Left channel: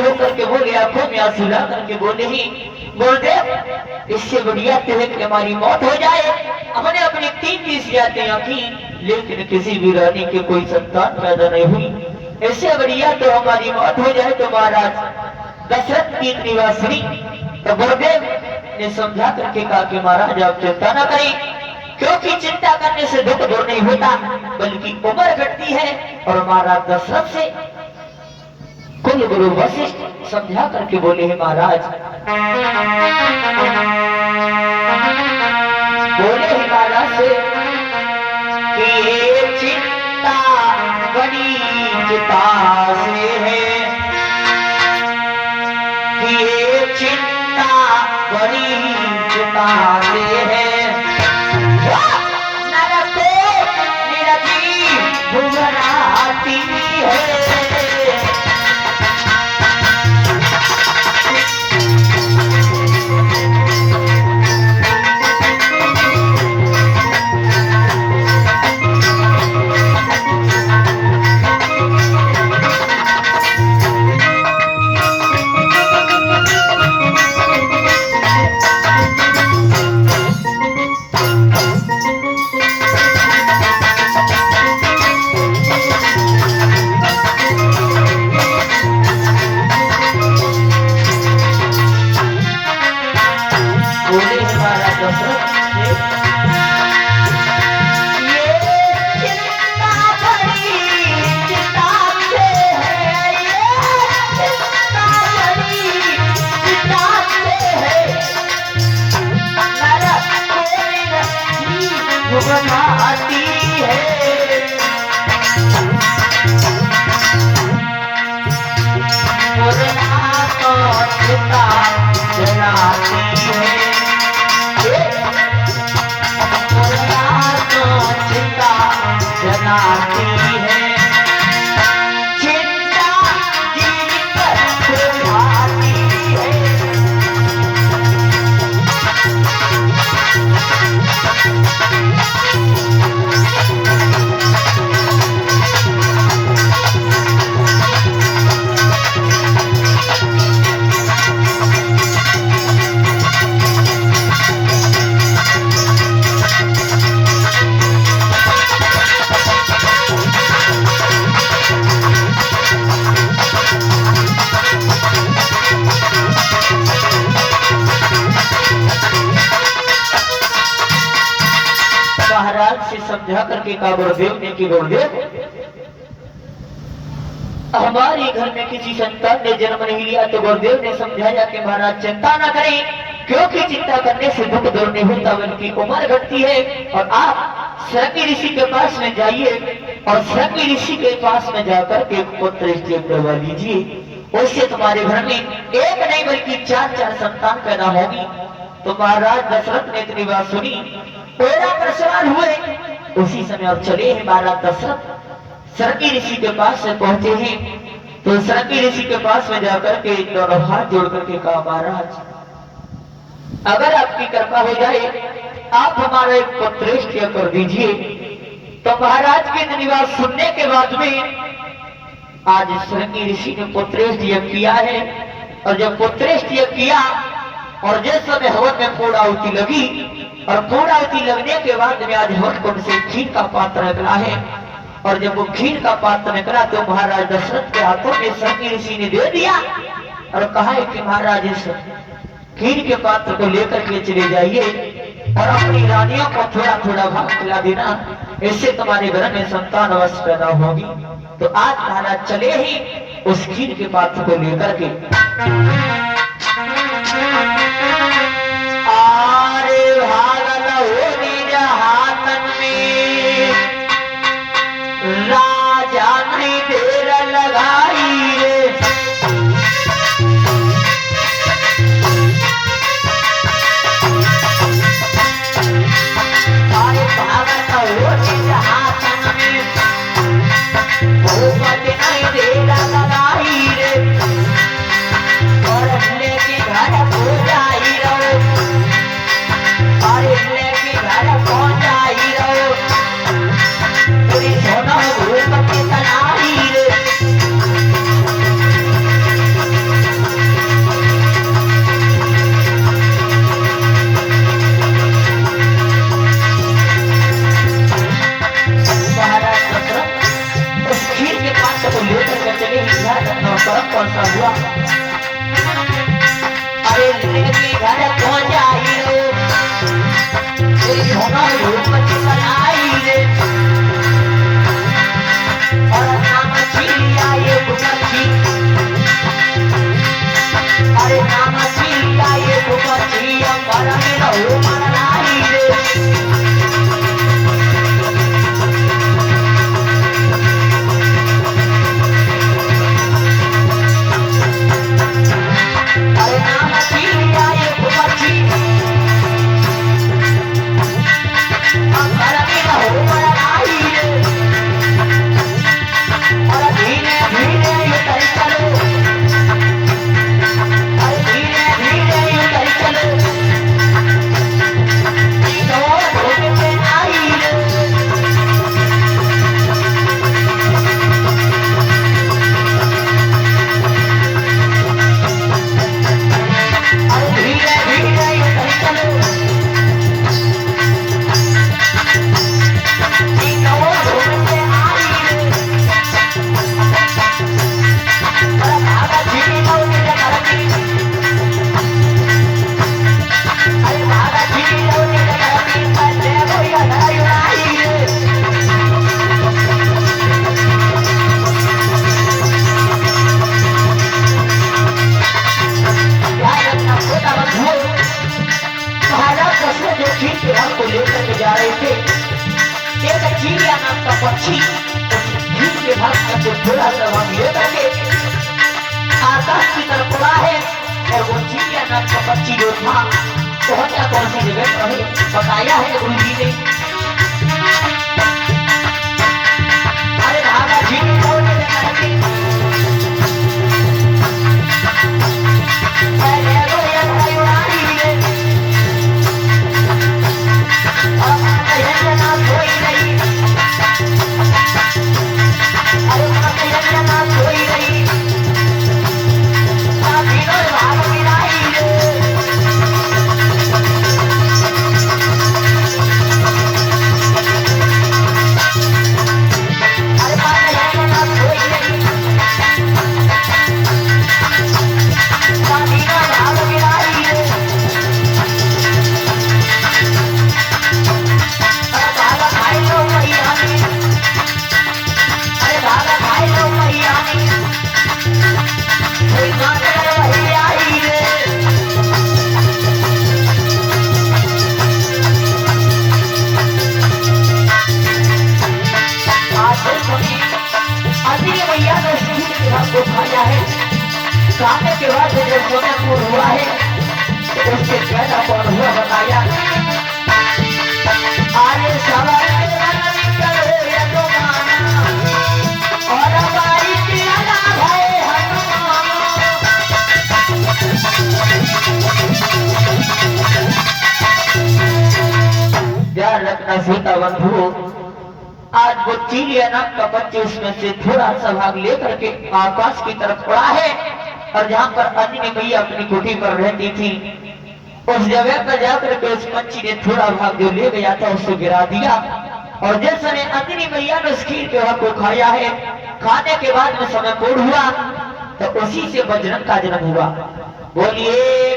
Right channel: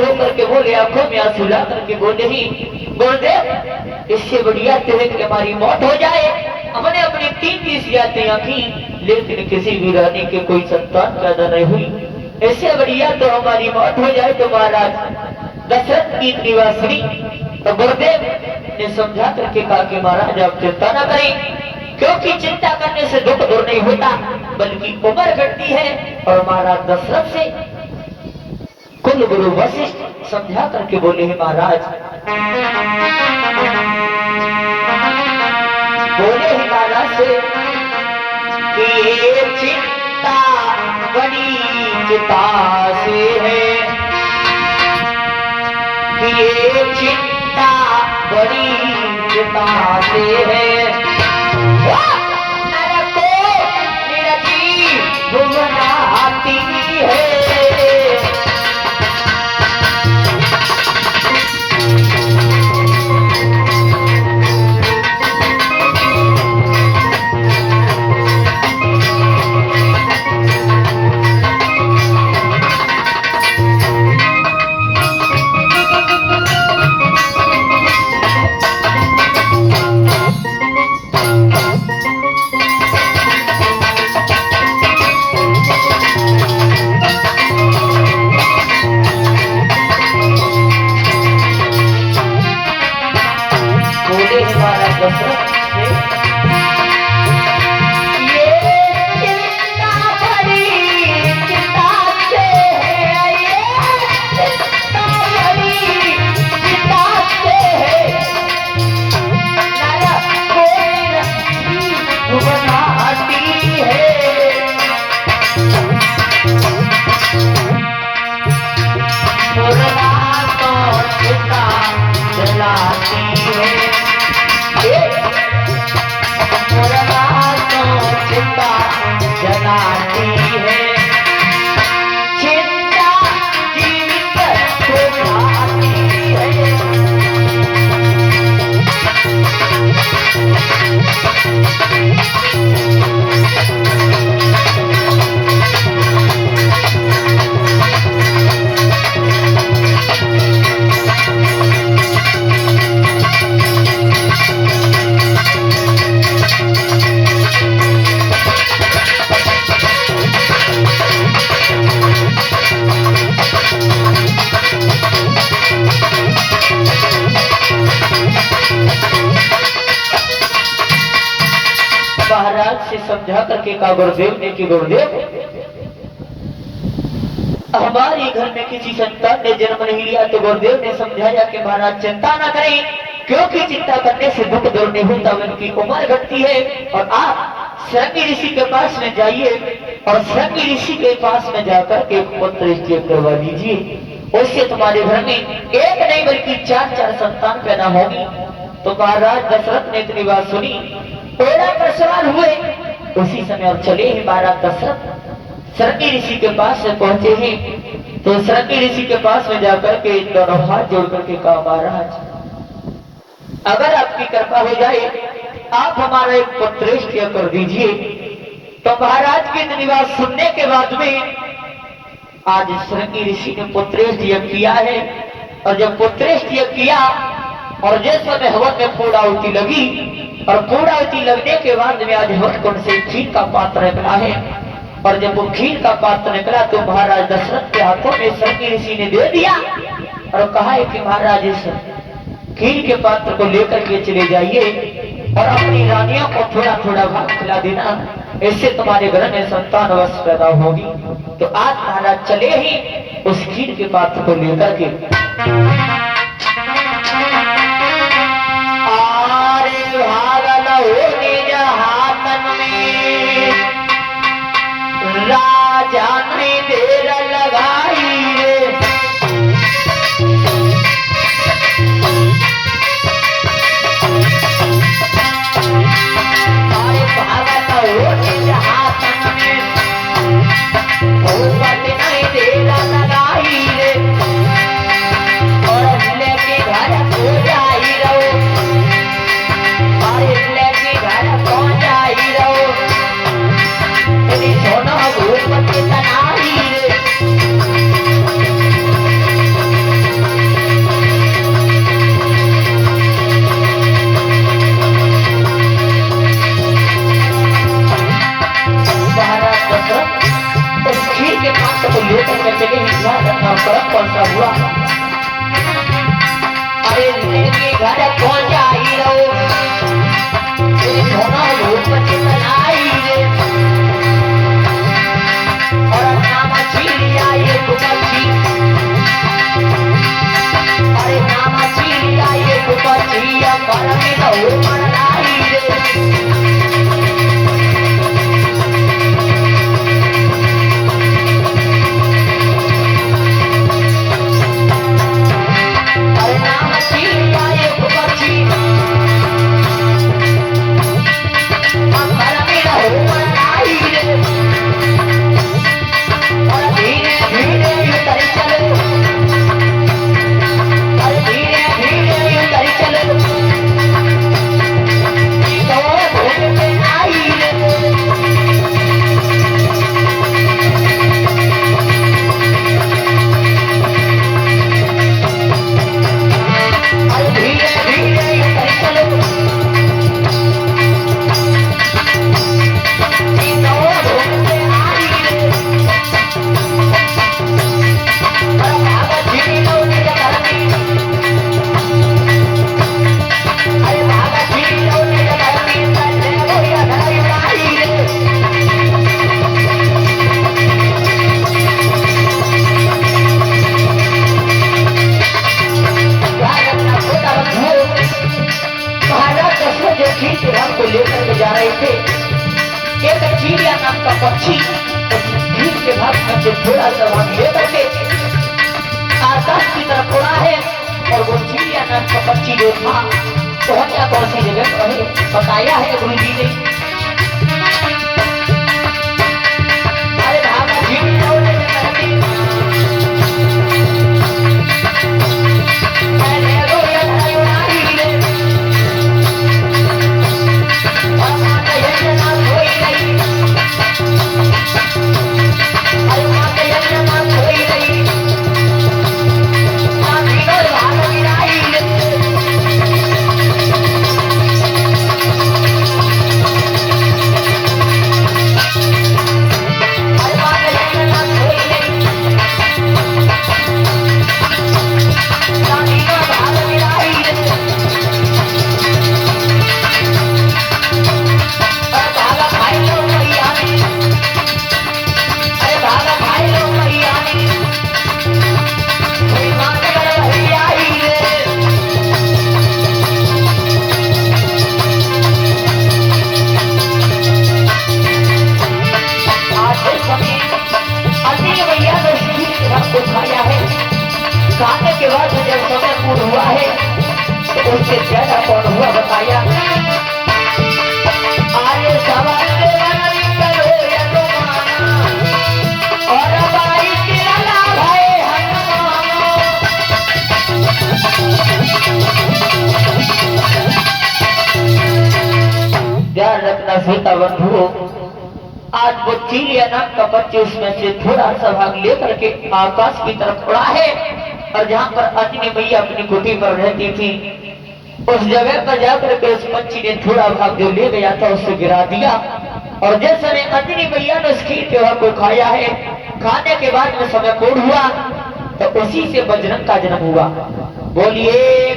होकर के बोले, आंखों में आंसू ला करके बोले ही गुरुदेव इससे बढ़िया तो है कि हमारी मौत हो जाए। हमने अपनी 3 यादें आंखी लेकिन किसी भी रानी के कोई संतान पैदा नहीं हुई। इससे बढ़िया तो हमारी मौत हो जाए। तो महाराज दशरथ की निवासिनी तो गुरुदेव ने समझा करके कहा कि महाराज आप चिंता न करें, क्योंकि चिंता करने से दुख दूर नहीं होता बल्कि उम्र घटती है। और महाराज दशरथ से कुल गुरु वशिष्ठ समझा करके बोले हैं महाराज, बोले हैं महाराज से कि ये चिंता बड़ी चिता से है, कि ये चिंता बड़ी चिता से है। आती है समझा करके कहा गुरुदेव ने कि गुरुदेव हमारे घर में किसी संतान ने जन्म नहीं लिया। तो गुरुदेव ने समझाया कि महाराज चिंता ना करें, क्योंकि चिंता करने से दुख दूर नहीं होता बल्कि उम्र घटती है। और आप शृंगी ऋषि के पास में जाइए और शृंगी ऋषि के पास में जाकर के पुत्र स्त्रीप करवा दीजिए, उससे तुम्हारे घर में एक नहीं बल्कि 4 संतान पैदा होगी। तो महाराज दशरथ ने इतनी बात सुनी, घोड़ा पर सवार हुए, उसी समय और चले हैं महाराज दशरथ शृंगी ऋषि के पास से पहुंचे हैं। तो शृंगी ऋषि के पास में जाकर के दोनों हाथ जोड़ करके कहा महाराज अगर आपकी कृपा हो जाए आप हमारा एक पुत्रेष्टि कर दीजिए। तो महाराज की इतनी बात सुनने के बाद में आज शृंगी ऋषि ने पुत्रेष्टि किया है। और जब पुत्रेष्टि किया और जिस समय हवन में पूर्णाहुति लगी और पूर्णाहुति लगने के बाद में आज हवन कुंड से खीर का पात्र निकला है। और जब वो खीर का पात्र निकला तो महाराज दशरथ के हाथों में शृंगी ऋषि ने दे दिया और कहा है कि महाराज इस खीर के पात्र को लेकर के चले जाइए और अपनी रानियों को थोड़ा थोड़ा भाग खिला देना, इससे तुम्हारे घर में संतान अवश्य पैदा होगी। तो आज महाराज चले ही उस खीर के पात्र को लेकर के राजा ने देर लगाई नहीं देर लगाई रे और कौन सा हुआ? अरे मेरे घर को जाई रो सोना रूप चलाई रे और नाम चिड़िया ये कुची अरे नाम चिड़िया ये कुची अंबरानी रो मनाई रे को लेकर के जा रहे थे। एक चिड़िया नाम का पक्षी उस के भाग से थोड़ा सा भाग लेकर के आकाश की तरफ उड़ा है और वो चिड़िया नाम का पक्षी जो था तो क्या कौन सी जगह पर है बताया है गुरु जी ने। अरे भागा चिड़िया खाने के बाद जब समय पूर्ण हुआ है तो उससे ज्यादा कौन हुआ बताया। आगे सवाल और हमारी ध्यान रखना सीता बंधु। आज वो चिड़िया नाम का बच्चे उसमें से थोड़ा सा भाग लेकर के आकाश की तरफ उड़ा है और जहाँ पर अंजनी मैया अपनी कुटी पर रहती थी उस जगह पर जाकर के उस पक्षी ने थोड़ा भाग जो ले गया था उससे गिरा दिया और जैसे अंजनी मैया ने उस खीर के भाग को खाया है खाने के बाद में समय पूर्ण हुआ तो उसी से बजरंग का जन्म हुआ। बोलिए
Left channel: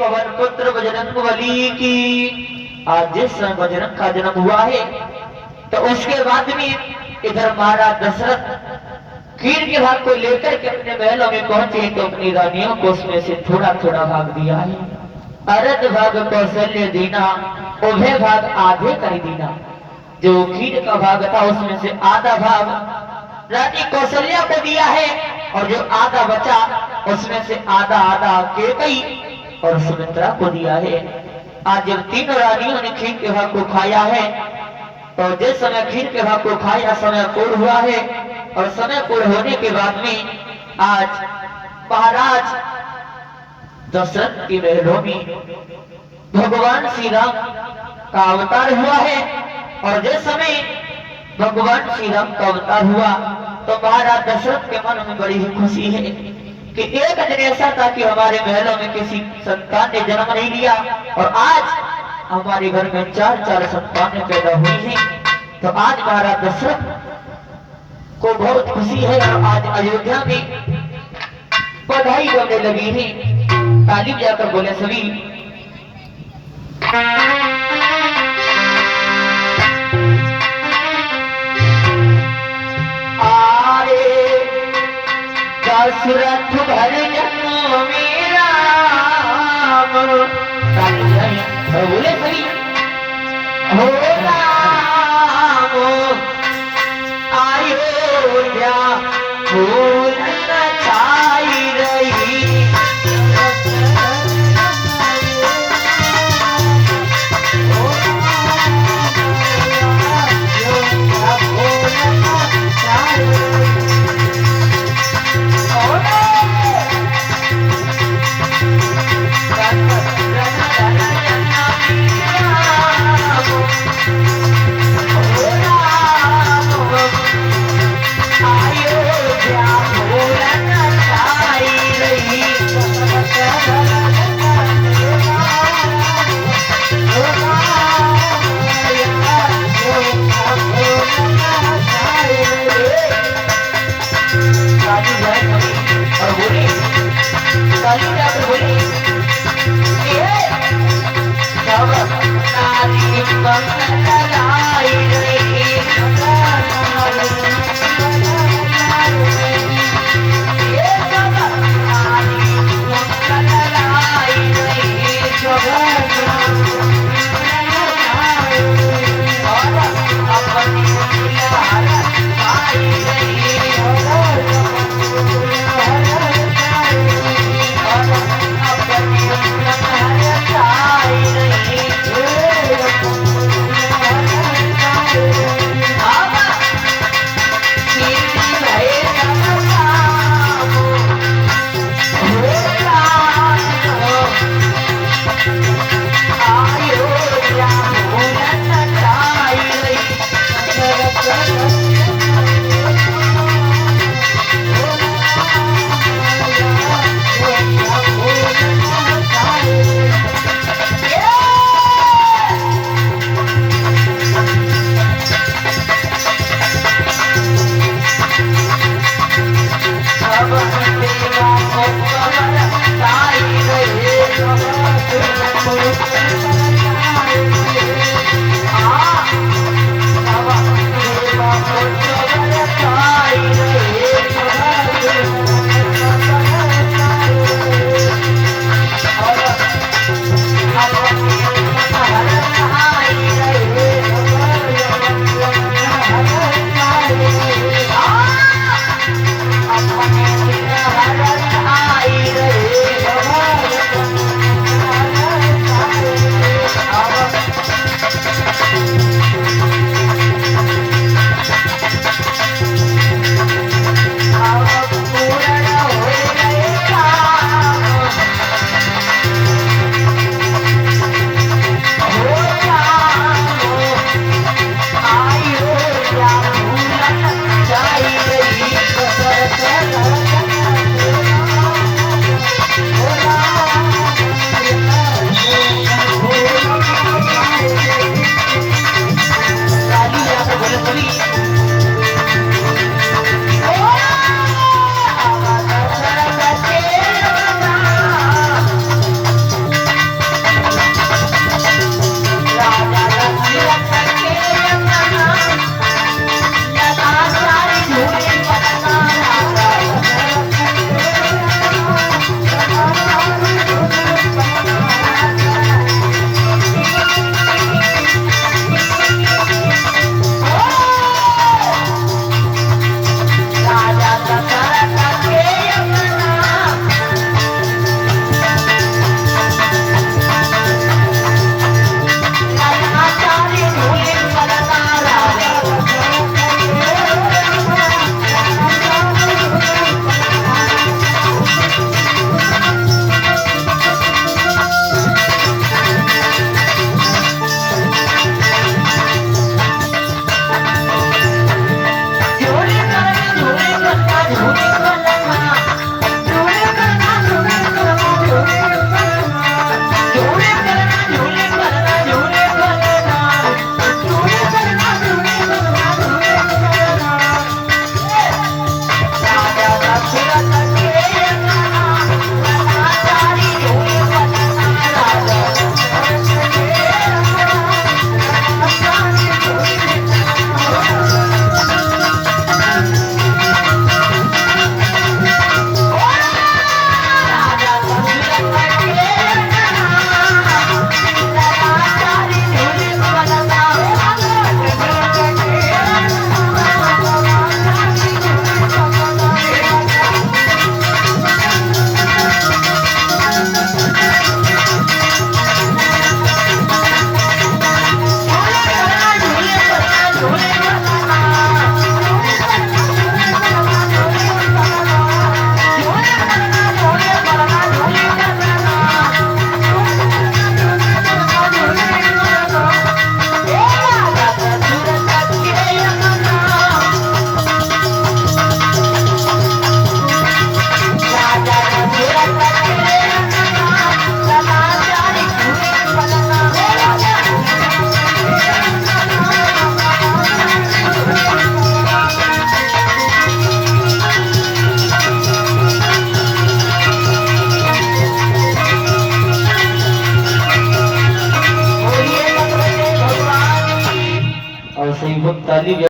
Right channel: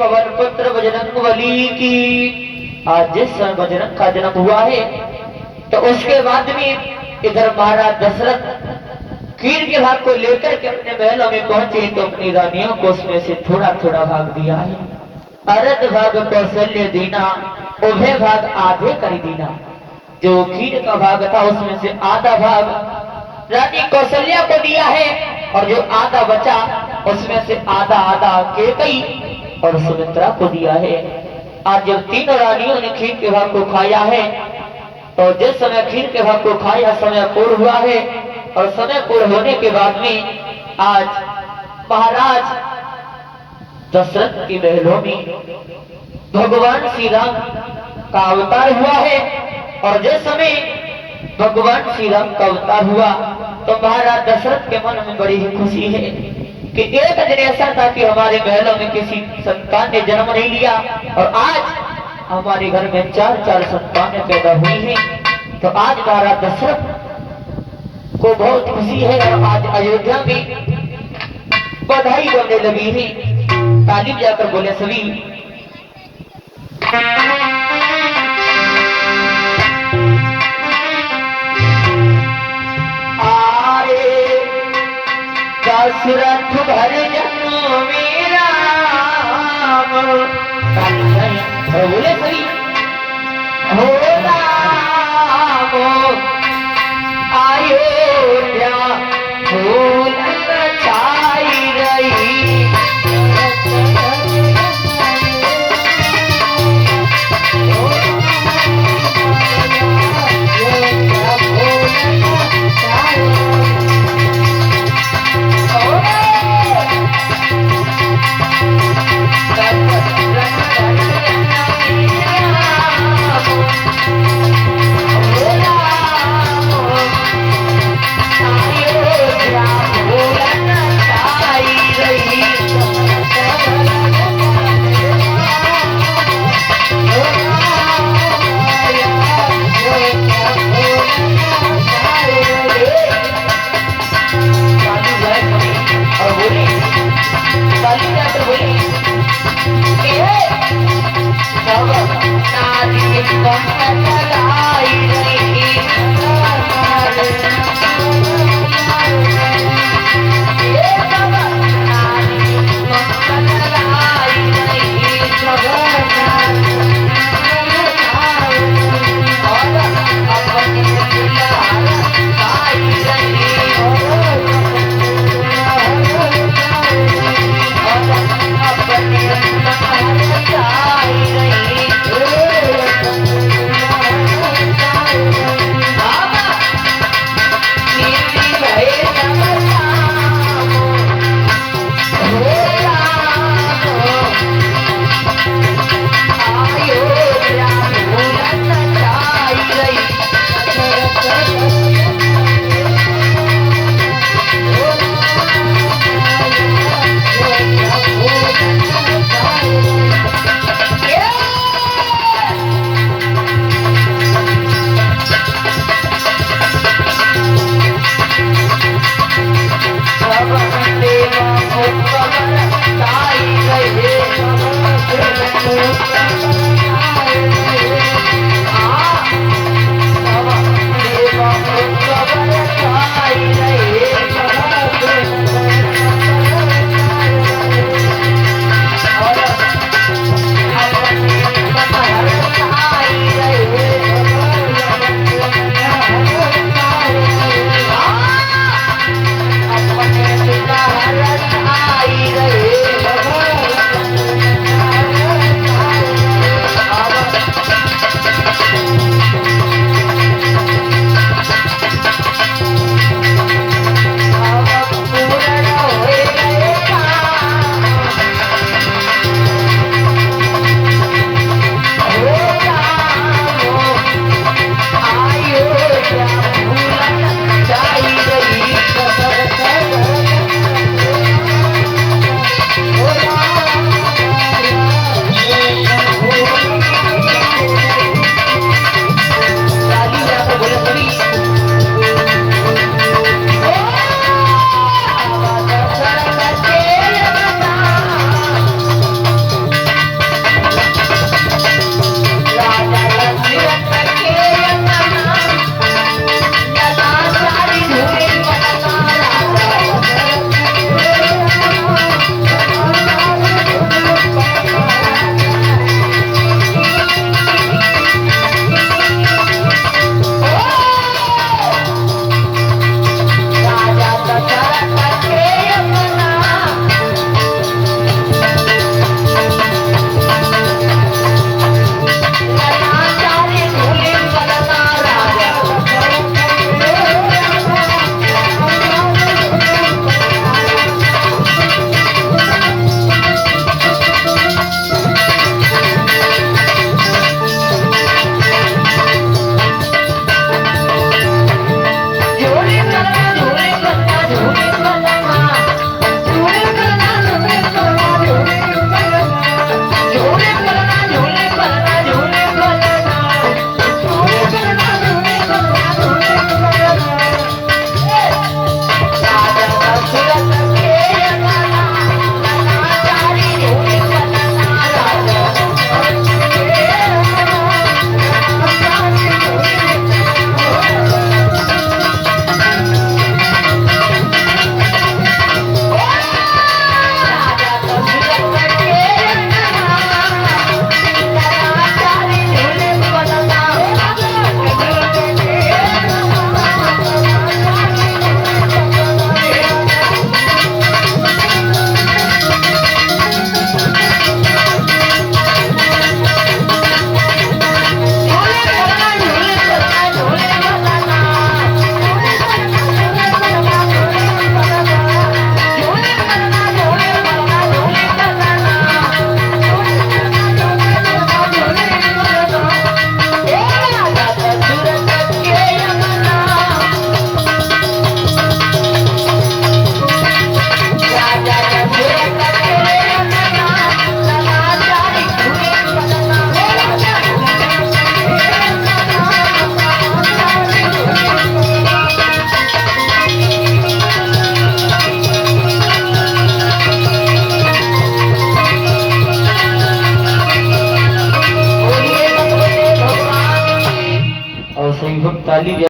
पवन पुत्र बजरंग बली की। आज जिस समय बजरंग का जन्म हुआ है तो उसके बाद में इधर महाराज दशरथ खीर के भाग को लेकर के अपने महलों में पहुंचे तो अपनी रानियों को उसमें से थोड़ा थोड़ा भाग दिया है। अरद भाग कौशल्य दीना उभय भाग आधे कर दीना। जो खीर का भाग था उसमें से आधा भाग रानी कौशल्या को दिया है और जो आधा बचा उसमें से आधा आधा केकई और सुमित्रा को दिया है। आज जब तीनों रानियों ने खीर के भाग को खाया है तो जिस समय खीर के भाग को खाया समय पूर्ण हुआ है और समय पूर्ण होने के बाद में आज महाराज दशरथ की महलों में भगवान श्री राम का अवतार हुआ है और जिस समय भगवान श्री राम का अवतार हुआ तो महाराज दशरथ के मन में बड़ी ही खुशी है कि एक दिन ऐसा था कि हमारे महलों में किसी संतान ने जन्म नहीं लिया और आज हमारे घर में 4 संतानें पैदा हुई हैं। तो आज महाराज दशरथ को बहुत खुशी है और आज अयोध्या में बधाई बोलने लगी है। ताली जाकर बोले सभी आरे दशरथ भर जन्म मेरा और बोले सभी हो राम अयोध्या फूल छाई रही बोले